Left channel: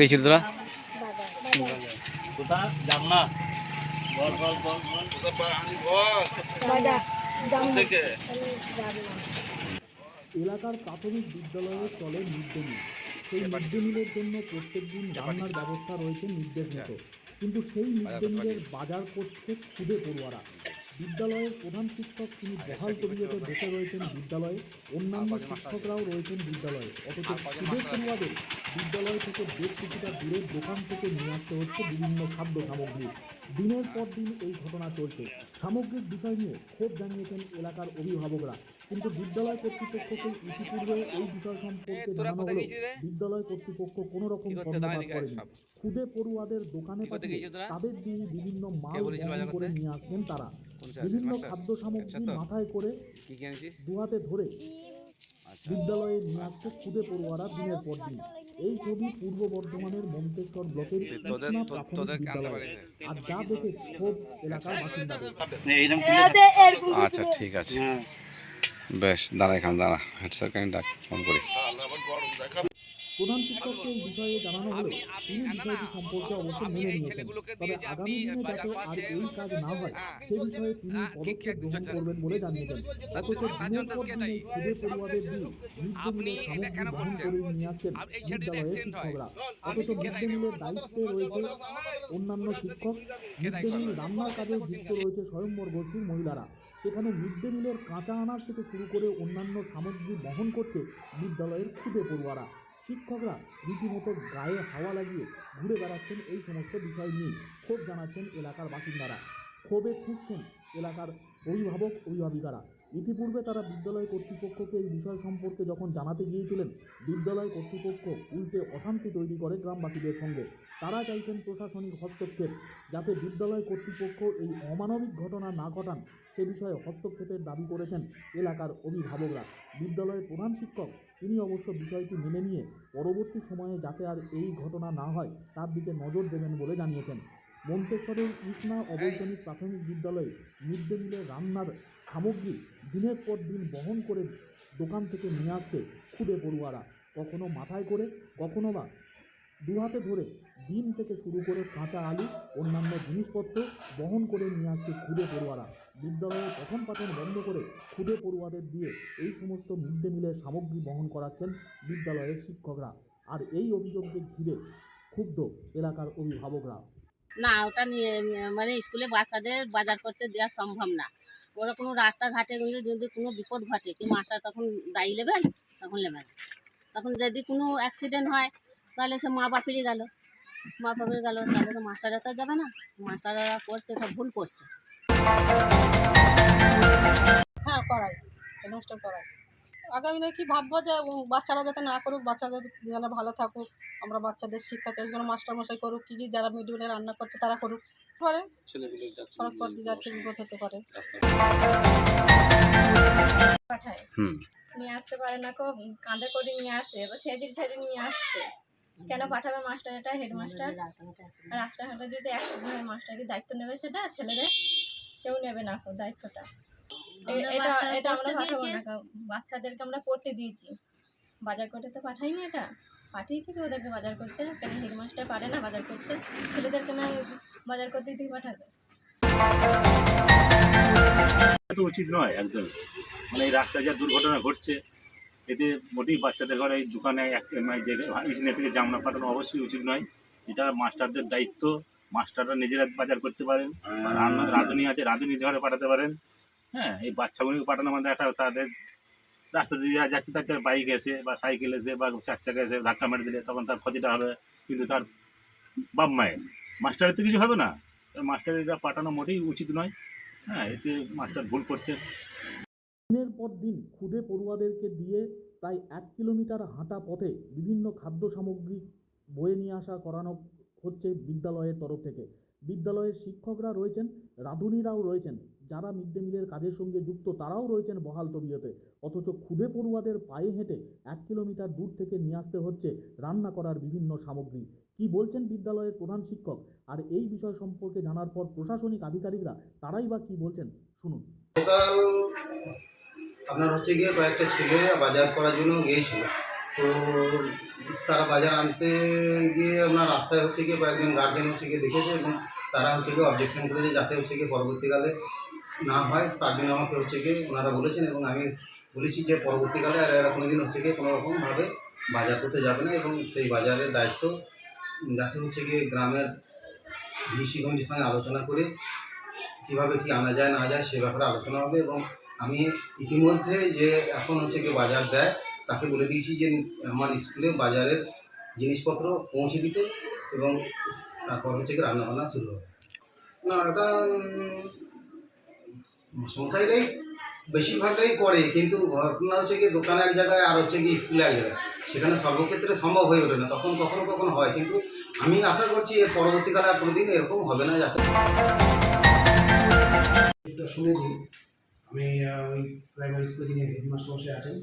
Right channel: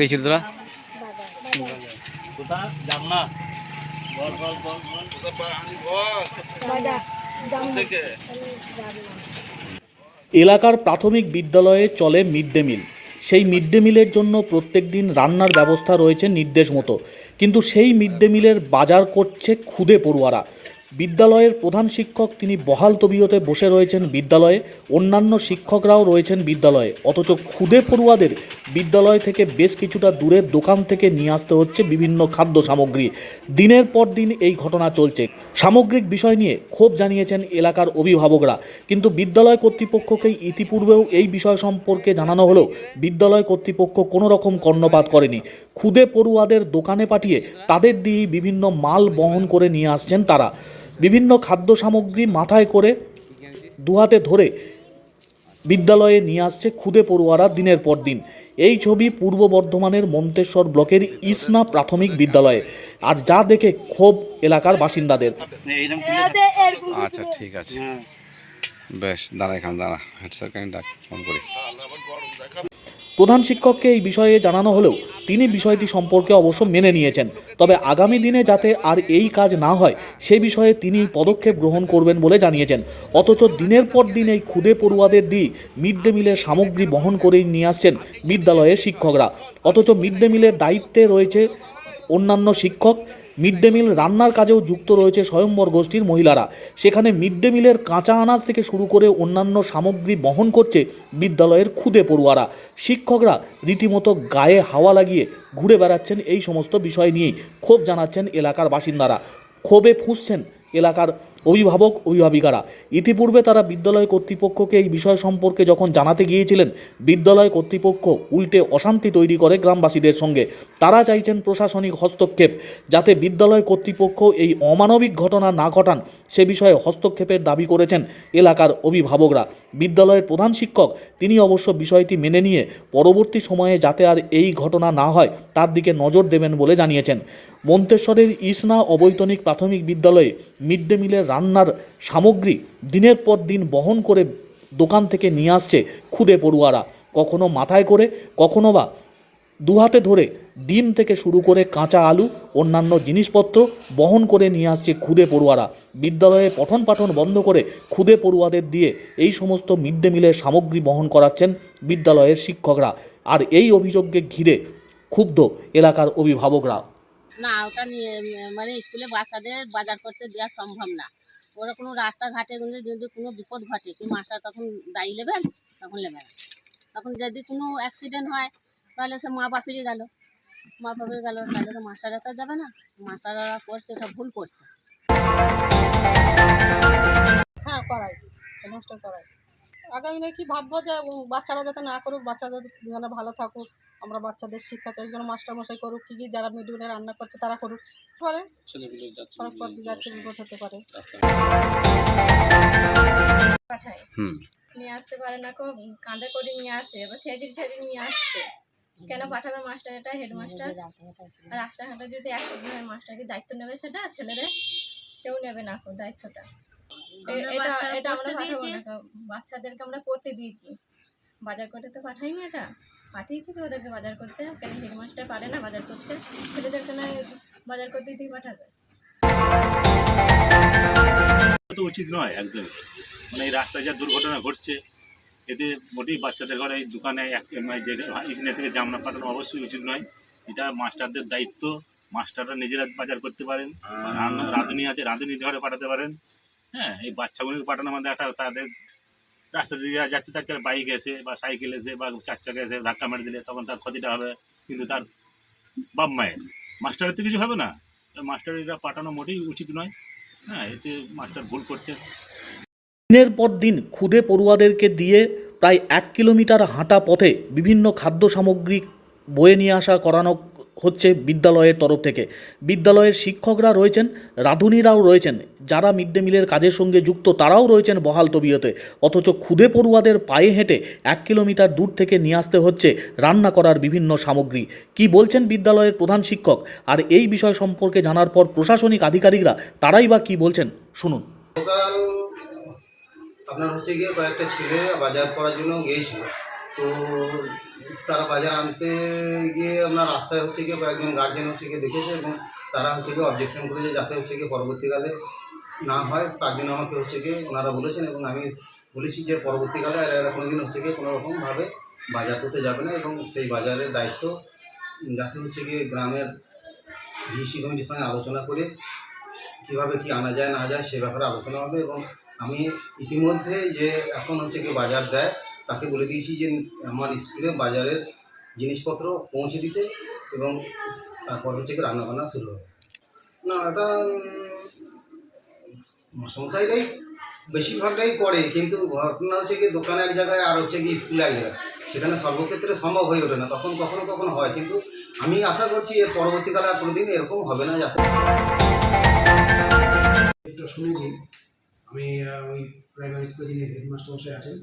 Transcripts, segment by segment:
গেছিল তোরা? এলাকার প্রাথমিক বিদ্যালয়ে চলে মিড ডে মিল। সেই মিড ডে মিলের জন্য প্রত্যেক দিন রান্নার ব্যবস্থা রয়েছে নির্দেশ মতো। কিন্তু সেই মিড ডে মিলের বাজার করছে খুদে পড়ুয়ারা। বিদ্যালয়ের প্রধান শিক্ষক তিনি বহাল তবিয়তে বসে রয়েছেন বিদ্যালয়ে। অন্যান্য শিক্ষকরাও রয়েছেন বিদ্যালয়ে। অথচ খুদে পড়ুয়াদের বিদ্যালয় থেকে বেশ কিছুটা দূরের দোকান থেকে নিয়ে আসতে হচ্ছে বিভিন্ন খাদ্য সামগ্রী। দিনের পর দিন এই ঘটনা চলছে। সামগ্রিক বিষয় নিয়ে ক্ষোভ জানিয়েছেন এলাকার অভিভাবকরা। কিন্তু বিদ্যালয় কর্তৃপক্ষকে ইতিপূর্বেও এই বিষয় সম্পর্কে জানানো হলেও বিদ্যালয় কর্তৃপক্ষ কোনো রকম কর্ণপাত করেনি। খুদে পড়ুয়াদের দোকানে পাঠিয়ে তাদের দিয়ে বিভিন্ন মাল বহন করে নিয়ে আসছেন তারা। বিভিন্ন খাদ্য সামগ্রী মাথায় করে দুহাতে ধরে বিদ্যালয়ে নিয়ে আসছে খুদে পড়ুয়ারা দিনের পর দিন। এই ছবি পূর্ব বর্ধমানের মন্তেশ্বর ব্লকের ইসনা প্রাথমিক বিদ্যালয়ে। আর যা দেখে ক্ষোভ এলাকার বাসিন্দাদের। আচ্ছা ঠিক আছে। হ্যাঁ বেশ দাঁড়া এখানে দাঁড়া। হেড স্যারকে ডাক ফোন করি। প্রধান শিক্ষককে এই বিষয়ে জানানো হলেও তিনি বিষয়টি সম্পর্কে অবশ্য মেনে নিয়েছেন। তবে আগামী দিনে যাতে আর এই কাজ না হয়, সে বিষয়ে তিনি পদক্ষেপ গ্রহণ করবেন বলে জানিয়েছেন। অথচ দিনের পর দিন এই ক্ষুদে পড়ুয়াদের দিয়ে মিড ডে মিলের সামগ্রী বহন করেই নিয়ে আসছেন বিদ্যালয়ের শিক্ষকরা। অথচ মিড ডে মিলের দায়িত্বে রয়েছে অন্যান্য শিক্ষক মিড ডে মিল রান্নার কাজেও যুক্ত রয়েছে স্বয়ম্বর গোষ্ঠীর মহিলারা। সেখানে মিড ডে মিলের কাঁচা আনাজ থেকে শুরু করে অন্যান্য সামগ্রী বহন করছে বিদ্যালয়ের খুদে পড়ুয়ারা। শিক্ষকরা রীতিমতো গায়ে হাওয়া লাগিয়ে ঘুরে বেড়াচ্ছেন এই সমস্ত বিষয় নিয়েই। ক্ষোভ জানাচ্ছেন এলাকার বাসিন্দারা। ক্ষোভে ফুঁসছেন এলাকার অভিভাবক, অভিভাবিকারা। ইতিপূর্বে তারা বিদ্যালয় কর্তৃপক্ষকে এই বিষয় সম্পর্কে যখন জানাতে গিয়েছিলেন, বিদ্যালয় কর্তৃপক্ষ উল্টে অশান্তি তৈরি করে গ্রামবাসীদের সঙ্গে। তারা চাইছেন প্রশাসনিক হস্তক্ষেপ, যাতে বিদ্যালয় কর্তৃপক্ষ এই অমানবিক ঘটনা না ঘটান। সে বিষয়ে হস্তক্ষেপের দাবি করেছেন এলাকার অভিভাবকরা। বিদ্যালয়ের প্রধান শিক্ষক, তিনি অবশ্য বিষয়টি মেনে নিয়ে পরবর্তী সময়ে যাতে আর এই ঘটনা না হয়, তার দিকে নজর দেবেন বলে জানিয়েছেন। মন্তেশ্বরের ইসনা অবৈতনিক প্রাথমিক বিদ্যালয়ে মিড ডে মিলের রান্নার সামগ্রী দিনের পর দিন বহন করে দোকান থেকে নিয়ে আসছে খুদে পড়ুয়ারা। কখনো মাথায় করে, কখনো বা দুহাতে ধরে ডিম থেকে শুরু করে কাঁচা আলু, অন্যান্য জিনিসপত্র বহন করে নিয়ে আসছে খুদে পড়ুয়ারা। বিদ্যালয়ে পঠন পাঠন বন্ধ করে খুদে পড়ুয়াদের দিয়ে এই সমস্ত মিড ডে মিলের সামগ্রী বহন করাচ্ছেন বিদ্যালয়ের শিক্ষকরা। আর এই অভিযোগকে ঘিরে ক্ষুব্ধ এলাকার অভিভাবকরা। না, ওটা নিয়ে মানে স্কুলে বাচ্চাদের বাজার করতে দেওয়া সম্ভব না। ওরা কোনো রাস্তাঘাটে যদি কোনো বিপদ ঘটে, কি মাস্টার তখন দায়ী নেবেন? তখন নেবে না। তখন যদি কোনো অ্যাক্সিডেন্ট হয়, তাহলে সে মা বাপিরই গেল। মা বাপির গেল, তাহলে তো মাস্টাররা তো যাবে না। মাস্টাররা করছে এটা ভুল করছে। হ্যাঁ করাই। নষ্ট করাই। আগামী দিনে কি ভাববো যে বাচ্চারা যাতে না করুক বাচ্চাদের যেন ভালো থাকুক আমরা বাচ্চাদের শিক্ষা চাই যেন মাস্টারমশাই করুক কি কি যারা মিড রান্না করছে তারা করুক। করে সড়ক পথ দিয়ে যাচ্ছে বিপদ হতে পারে। পাঠায়। নিয়ে আসতে পারে না খুব কাঁধে করে নিয়ে আসে এবার ছেঁচড়ি ছেঁচড়ি নিয়ে আসছে। কেন পাঠাবে মাস্টার? এটা হেডমাস্টার। আর রাস্তাঘাটে যদি অ্যাক্সিডেন্ট হয় মাস্টার কি দায়িত্ব নেবে সেটা? ছেলেদের? কেউ নেবে না খুব দায়িত্বটা। এটা এটা আমরা দিয়েছি। বাচ্চাদেরকে আমরা করতে দিয়েছি। বাজার করতে তো পাঠাইনি এটা। পাঠিয়েছি তো ওদেরকে বাজার করতে। কেন হেডমাস্টার পারে না বাজার করতে? ছেলেদেরকে না বাজার করতে দিয়ে পাঠাবে? তো উচিত নয় একদম। মানে এই রাস্তায় যা দুর্ঘটনা ঘটছে এতে মোটেই বাচ্চাদের ঘরে এই দোকানে এক মানে যে ইসনে থেকে জামনা পাঠানো অবশ্যই উচিত নয়। এটা মাস্টারদের দায়িত্ব। মাস্টাররা নিজেরা বাজার করতে পারেন রান্না রাঁধুনি আছে রাঁধুনি ঘরে পাঠাতে পারেন। হ্যাঁ এই বাচ্চাগুলোকে পাঠানো মানে একটা তাদের রাস্তা দিয়ে যাচ্ছে তার বাইক এসে বা সাইকেল এসে বা চার চাকা এসে ধাক্কা মেরে দিলে তখন তার ক্ষতিটা হবে, কিন্তু তার বাপ মায়ের। মাস্টারের তো কিছু হবে না। মাস্টারেরা পাঠানো মোটেই উচিত নয়। হ্যাঁ এতে মাস্টার ভুল করছে। দিনের পর দিন খুদে পড়ুয়াদেরকে দিয়ে প্রায় এক কিলোমিটার হাঁটা পথে বিভিন্ন খাদ্য সামগ্রী বয়ে নিয়ে আসা করানো হচ্ছে বিদ্যালয়ের তরফ থেকে। বিদ্যালয়ের শিক্ষকরা রয়েছেন রাঁধুনিরাও রয়েছেন, যারা মিড ডে মিলের কাজের সঙ্গে যুক্ত তারাও রয়েছেন বহাল তবিয়তে। অথচ খুদে পড়ুয়াদের পায়ে হেঁটে এক কিলোমিটার দূর থেকে নিয়ে আসতে হচ্ছে রান্না করার বিভিন্ন সামগ্রী। কি বলছেন বিদ্যালয়ের প্রধান শিক্ষক? আর এই বিষয় সম্পর্কে জানার পর প্রশাসনিক আধিকারিকরা তারাই বা কি বলছেন? শুনুন। আপনার হচ্ছে গিয়ে কয়েকটা ছেলে বাজার করার জন্য গিয়েছিল। তো তারা বাজার আনতে গিয়ে আপনার রাস্তায় হচ্ছে গিয়ে কয়েকজন গার্জেন হচ্ছে গিয়ে দেখেছে এবং তারা হচ্ছে গিয়ে অবজেকশন করেছে যাতে হচ্ছে গিয়ে পরবর্তীকালে না হয়। তার জন্য আমাকে হচ্ছে গিয়ে ওনারা বলেছেন এবং আমি বলেছি যে পরবর্তীকালে আর এরা কোনোদিন হচ্ছে গিয়ে কোনো রকমভাবে বাজার করতে যাবে না এবং সেই বাজারের দায়িত্ব যাতে হচ্ছে গিয়ে গ্রামের ভিসি কমিটির সঙ্গে আলোচনা করে কীভাবে কি আনা যায় না যায় সে ব্যাপারে আলোচনা হবে এবং আমি ইতিমধ্যে যে এখন হচ্ছে কি বাজার দেয় তাকে বলে দিয়েছি যে আমার স্কুলে বাজারের জিনিসপত্র পৌঁছে দিতে এবং তারপর হচ্ছে কি রান্নাবান্না শুরু হবে। না, এটা মশাইরাই বেশিরভাগটাই করে, কিন্তু ঘটনা হচ্ছে কি দোকানে এক জায়গায় আর হচ্ছে কি স্কুলে এক জায়গায়। সেখানে সর্বক্ষেত্রে সম্ভব হয়ে ওঠে না, তখন কখনো কখনো হয়, কিন্তু আমি আশা করছি এর পরবর্তীকালে আর কোনোদিন এরকম হবে না যাতে শুনেছি। আমি ওই প্রাইমারি স্কুলে যিনি হেডমাস্টার মশাই আছেন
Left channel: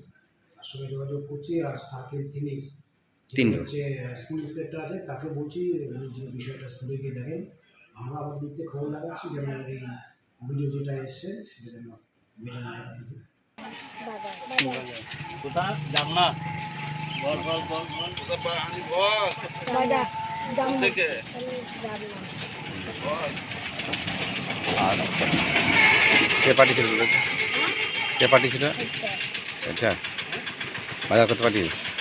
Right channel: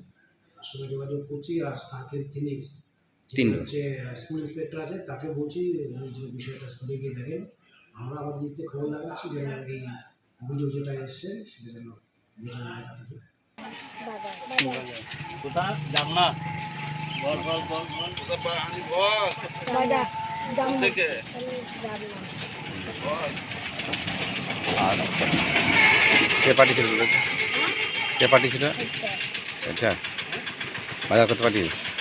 সঙ্গে যোগাযোগ করছি আর স্যারকে তিনি তিন। হচ্ছে স্কুল ইন্সপেক্টর আছে তাকে বলছি যে বিষয়টা স্কুলে গিয়ে দেখেন। আমরা আমাদের দিক থেকে খবর লাগাচ্ছি যেন এই অভিযোগ যেটা এসছে সেটা যেন মেটানো যায় তাদের থেকে। আর কে পাঠিয়েছিল তোদেরকে? কে পাঠিয়েছিল? আচ্ছা। বাজার করতে পাঠিয়েছে